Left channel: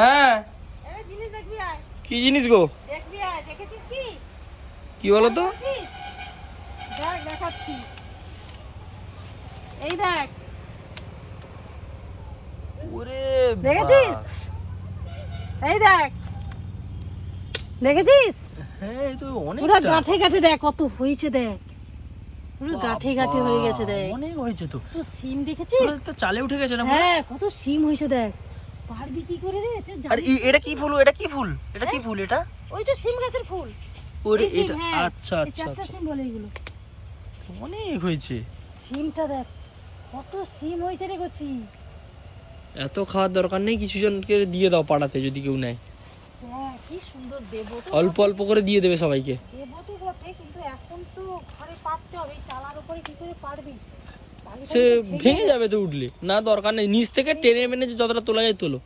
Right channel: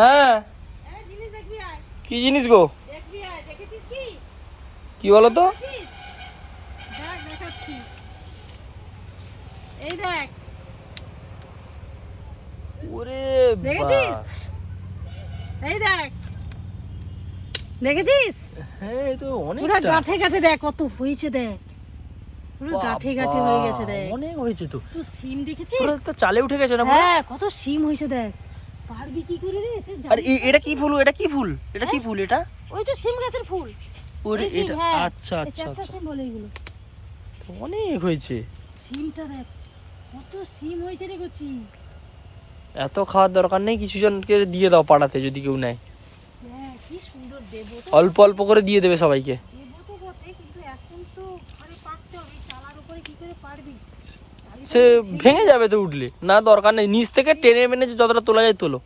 হ্যাঁ এই জিনিস দেখবি আয়, কি জিনিস গো? দেখবি আয়, দেখেছিস কি? কি বলো তো? দেখেছিস? দেখ দেখাচ্ছি, এই দেখ, ওরে দেখেছিস? এই দেখ, দেখেছিস? হ্যাঁ এই তো অনেক পুরো গাঁঠে গাঁঠে দেখ কত হয়েছে, দেখ পুরো গাঁঠে গাঁঠে হয়ে গেছে, দেখ অনেক হয়েছে তো। তো সিম দেখেছিস? পুরো তো চালে উঠে গেছে না? হ্যাঁ কত সিম হয়েছে দেখ, পারবি কি করে রে? তুই আর জানিস না? এটা কি ফুল? এটা কি ফুল? এটা কি ফুল এটা? ওই তো সিম গাছের ফুল। ওরে এই সিম, এটা হ্যাঁ। আচ্ছা এই আচ্ছা চারটা আচ্ছা সিম বলে এগুলো। অনেক হয়েছে। সিমটা দেখ কত সিম হয়েছে রে কচি। এত খাওয়ার দরকার নেই, কিছু জনকে দিয়ে দাও পাড়াতে যদি কেউ নেয়। হ্যাঁ কি সুন্দর, দেবো তো, অল্প অল্প করে দিয়ে দেবে সবাইকে। দেবো তো বটে, কিন্তু এখন তো ঘরে পারতে হবে, চালার উপরে কি করে পারবি? সে ভেঙে যাবে তো উঠলে, না দরকার নেই, নিচ থেকে টেনে মেনে যতটা তোলা যায় তোলো।